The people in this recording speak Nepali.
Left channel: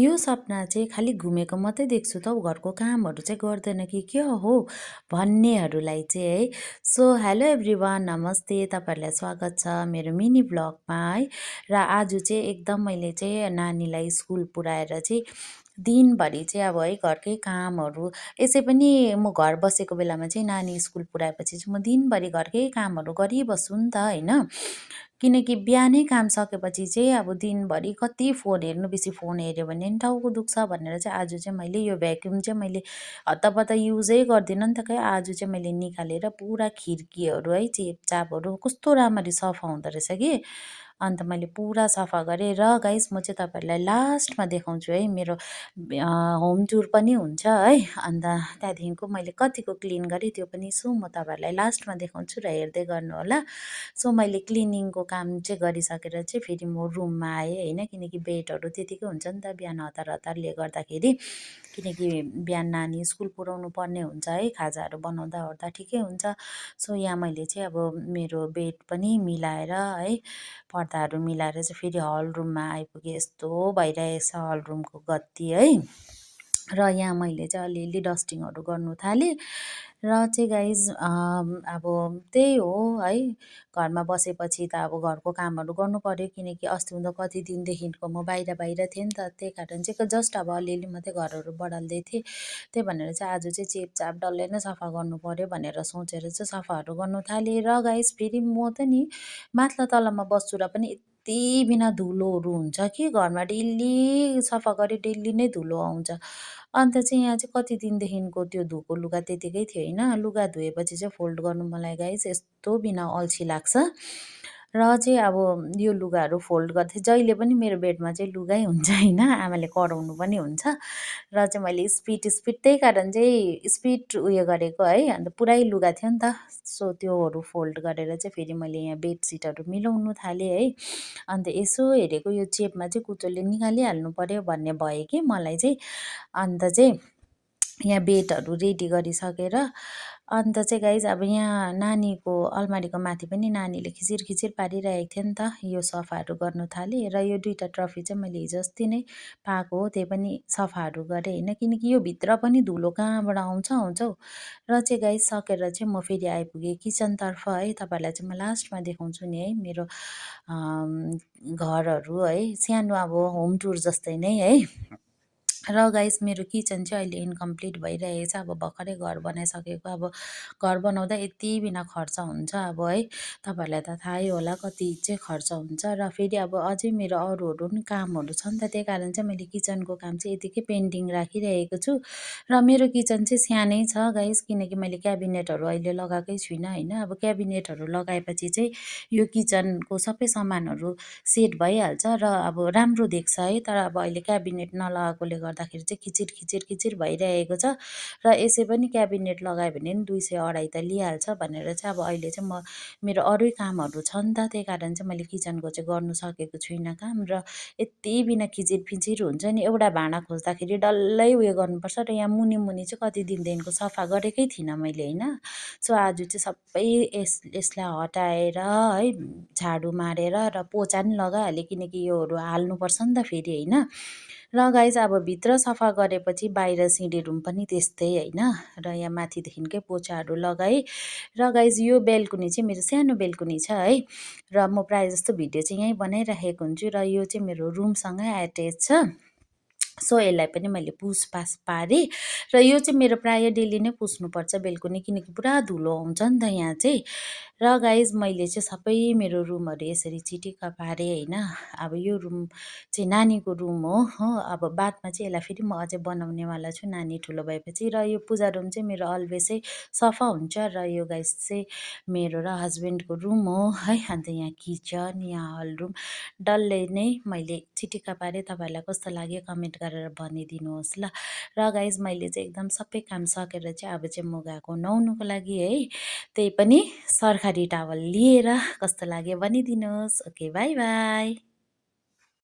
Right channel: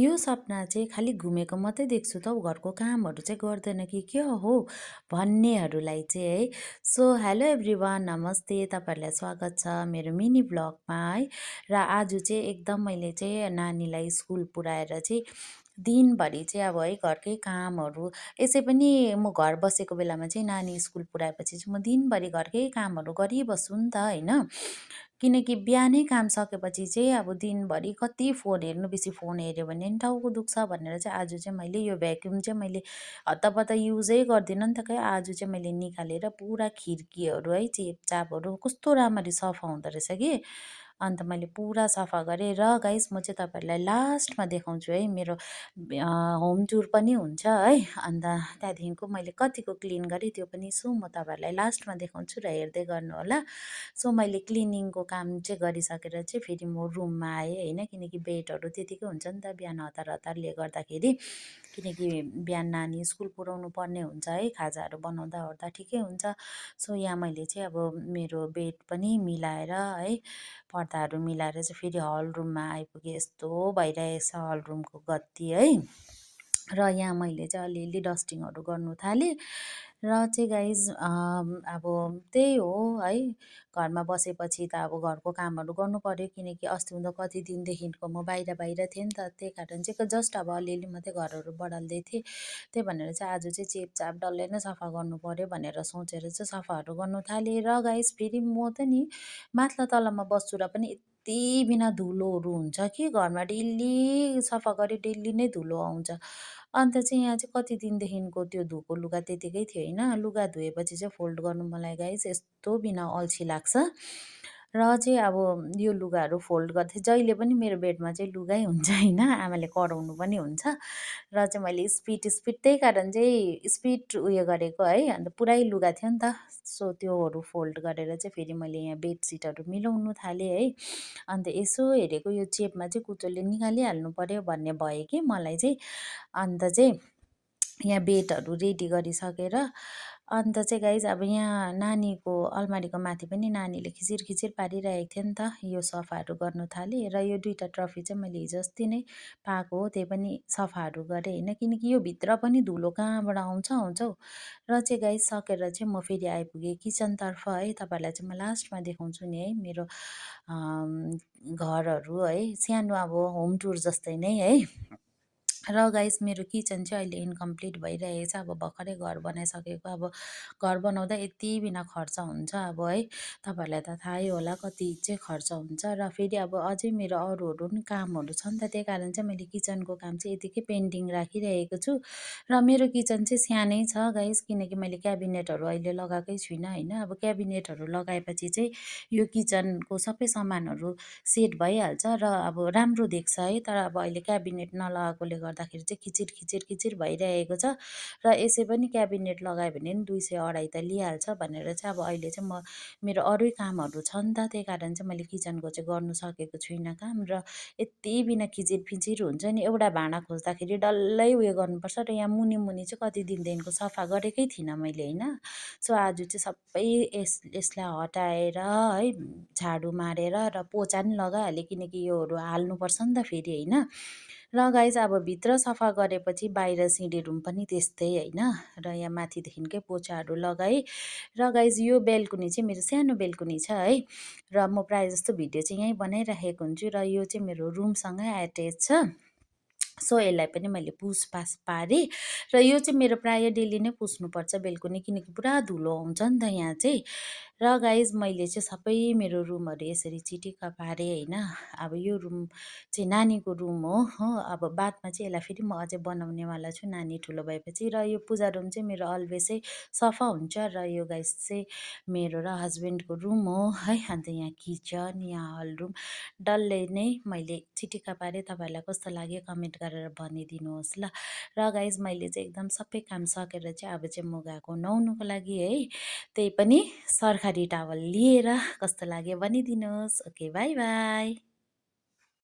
यो सपना चाहिँ खालि घुमेको मात्रै देख्छु त हौ, घरको कामहरू चाहिँ गर्दैन कि के हो भन्नेहरूलाई चाहिँ है। सो हेलो एभ्रिवान, नमस्ते, तपाईँहरूलाई स्वागत छ मेरो मिनी ब्लगमा है। र आज चाहिँ एकदम मैले चाहिँ नानीलाई स्कुल पुऱ्याएर चाहिँ दिनभरि चाहिँ अब है घरकै कामहरू, यसै पनि म घर बसेको बेलामा चाहिँ नानी स्कुल पुऱ्याएपछि चाहिँ म दिनभरि घरकै कामहरू गरिबस्छु नि त होइन। किनकि बिहानै काम सकेपछि चाहिँ अब दिनभरि कति फोन हेर्नु, बेसी फोन हेऱ्यो भने नि टाउको दुख्छ भनेर चाहिँ आज चाहिँ मैले यो भ्याक्युम चाहिँ मैले हत्तपत्त युजै गर्दिनँ नि त। खै आज चाहिँ मैले निकालेर पुरा खिड्कीहरू है चेपचापहरू कस्तो राम्ररी सफा हुँदो रहेछ कि, अन्त मैले पुरा सफा गरेँ। र गाइस म चाहिँ तपाईँहरूलाई लास्टमा देखाउँछु है, मेरो होम टुर पनि हुन्छ है। अन्त त्यहाँदेखिको मैले कतिको क्लिन गरेँ त्यो पनि सो म तपाईँहरूलाई लास्टमा देखाउँछु र हेर्दै गर्नु होला। सो मैले क्लिनिङको काम चाहिँ गरिसकेर चाहिँ फेरि म रुममा आएँ होइन, किनकि बेडहरू त्यतिकै हुन्छ नि त बिहान हतार हतारले गर्दाखेरि, किनकि बिहान नानी स्कुल पुऱ्याउनु पर्ने हुन्छ है, खाजाहरू बनाउँदा ओर्दा ठिकै हुन्छ। सो यहाँ मैले चाहिँ अब मेरो बेड पनि मिलाएर है, पर्दाहरू मिलाएर चाहिँ फेरि हल रुममा आइपुगेँ। यस्तो भइरहेछ हल रुमको गति है। र यहाँ मैले चाहिँ अलिअलि डस्टिङहरू गर्नु थालेँ। र चाहिँ गाइज अब त्यही हो है, घरमा बसेपछि त अब घरको कामहरू गर्नु पर्यो, किनकि अस्ति कति दिनदेखिको म बाहिर बाहिर थिएँ नि त, त्यही कारण चाहिँ जस्ट अब अलिअलि मात्रै घरहरू बढाल्दै थिएँ। त्यही भनेर चाहिँ आज चाहिँ चेपचाप डल्लै नै सफा गर्नु पर्यो भनेर सोचेर चाहिँ सफाहरू गर्नु थालेँ। र गाइज फेरि म त नि माथ्ला तलामा बस्छु र पनि यति बिना धुलोहरू हुन्छ कि घरमा, डेली सफा गरेँ डेली नै धुलो आउँछ। अन्त चाहिँ यहाँ चाहिँ कति दिनदेखिको त्यो धोएको लुगा त्यतिकै थियो होइन, लुगा धोएपछि चाहिँ फोल्ड गर्नु मलाई गाइस यस्तो बिना अल्छी लाग्छ। र चाहिँ अब यो लुगाहरू फोल्ड गर्दै जहिले पनि मेरो बेडमा चाहिँ लुगै हुन्छ होइन, आमाले कराउनु पनि हुन्छ। र चाहिँ मैले स्पिड त्यही कारण चाहिँ स्पिड उयो गरेको है, अन्त पुरै लुगा थियो नि त। सो त्योहरू फोल्ड गरेर चाहिँ फेरि मैले यहाँ बेडसिटहरू मिलाउनु थालेँ है। अन्त यसो हेरेको यो चेपमा चाहिँ कुचोले निकालिहाल्नु पर्यो भन्ने भयो कि मलाई चाहिँ। अन्त चाहिँ यहाँ बेडहरू रेडी गरिसकेर अन्त चाहिँ गाइज अब यहाँ नानीको अलमारीको माथि पनि नानीले खिचिर खिचिर पारिरहेको थियो नि त, यो सफाहरू गर्नु थालेँ। र यो दुईवटा ट्रफी चाहिँ मैले हिजो अस्ति नै पाएको हो, त्यही पनि सफाहरू गरेँ होइन, किनकि यो भित्र पनि धुलो कहाँबाट आउँछ आउँछ हौ। र चाहिँ गाइज सकेर चाहिँ म फेरि आइपुगेँ किचनतर्फ है, तपाईँहरूलाई चाहिँ म लास्टमा देखाउँछु नि है मेरो घरहरू है, सानो अब होम टुर जस्तै नै है। र गाइस मेरो किचन चाहिँ अहिले इन्कम्प्लिट भइरहेको छ, अब भर्खरै घर बनाइसकेको। अब घर बनाउँदा यति बिना खर्च हुन्छ अब है, तपाईँहरूलाई त थाहै होला कति चाहिँ खर्च हुन्छ। र फेरि अब अझै मेरो अरूहरू पनि कामहरू छ नि त, त्यही कारण चाहिँ मैले किचनको काम चाहिँ यतिकै पेन्डिङ राखिरहेको छु। र मेरो किचन चाहिँ सानै छ गाइस, किनकि मैले क्याबिनेटहरू अहिले लगाएकै छुइनँ होइन। अब क्याबिनेटहरू लगाएपछि चाहिँ यो किचनको सबै सामानहरू सेट भइहाल्छ र अब राम्रो देख्छ है। तर अब अहिले क्याबिनेट नलगाएकोले गर्दाखेरि चाहिँ खिचिर खिचिर खिचिर भइरहेको छ। र यसै पनि क्याबिनेट लगायो भने नि 200-250 त लिइहाल्छ भनेर चाहिँ अब अहिले चाहिँ म मेरो अरू कामहरू छ नि त, त्यही कारण चाहिँ मैले किचनको चाहिँ गर्नु सकेको छुइनँ काम। र यति बिना खिचिर फिचिर हुन्छ नि, एउटा भाँडा खोज्दाखेरि डल्लै उयो गर्नुपर्छ। र यहाँ मुनि मुनि चाहिँ कति दिनदेखिको सफा गरेकै थिइनँ मैले होइन। सो आज चाहिँ सबै यसलाई हटाएर है, झाडु मारेर र पोचा नि लगाइहालेँ, किनकि योहरू हाल्नुपर्छ नि त फेरि होइन। र गाइज अब भित्र सफा गरेपछि बाहिर सिँढी रुम पनि त्यस्तै होइन। र यहाँ माथिदेखिकै पोचाहरू लगाएँ। र गाइज यो बेलकुनी चाहिँ मेरो सानो बेलकुनी छ है, र म प्रायः जस्तो भिडियो चाहिँ यहीँ बनाइराखेको हुन्छु। र यो चाहिँ मेरो रुमसँगै एट्याच छ। सो यसलाई पनि मैले पुसपास पारेँ। र यो चाहिँ मेरो प्रायः डेली नै पुस्नुपर्छ बेलकुनी, किनकि पुरा धुलो आउँछ नि त यहाँ चाहिँ। र गाइज मैले चाहिँ सबै मेरो रुमहरू यसरी चिटिक्क पारेँ होइन। अब यो रुम चाहिँ नानीको रुम हो अब बादमा चाहिँ यसलाई फेरि म अझै बनाउनेवाला छु नानी ठुलो भएपछि। र यो पूजा रुम चाहिँ मेरो अलवेजै सफा हुन्छ। र यो गाइज चाहिँ मेरो र हस्बेन्डको रुम हो है। अन्त यहाँ किचन, यहाँ हल रुम डल्लै नै मैले चिटिक्क पारेँ। तपाईँहरूलाई कस्तो लाग्यो कमेन्ट गरेर भनिदिनुहोस् ल। र गाइज मैले चाहिँ एकदम सबै काम सकेर चाहिँ अब चाहिँ म गएको नुहाउनुको लागि है, त्यही पनि सरकारी टावल लिएर। कस्तो लाग्यो भनिदिनुहोस्। Okay, by by.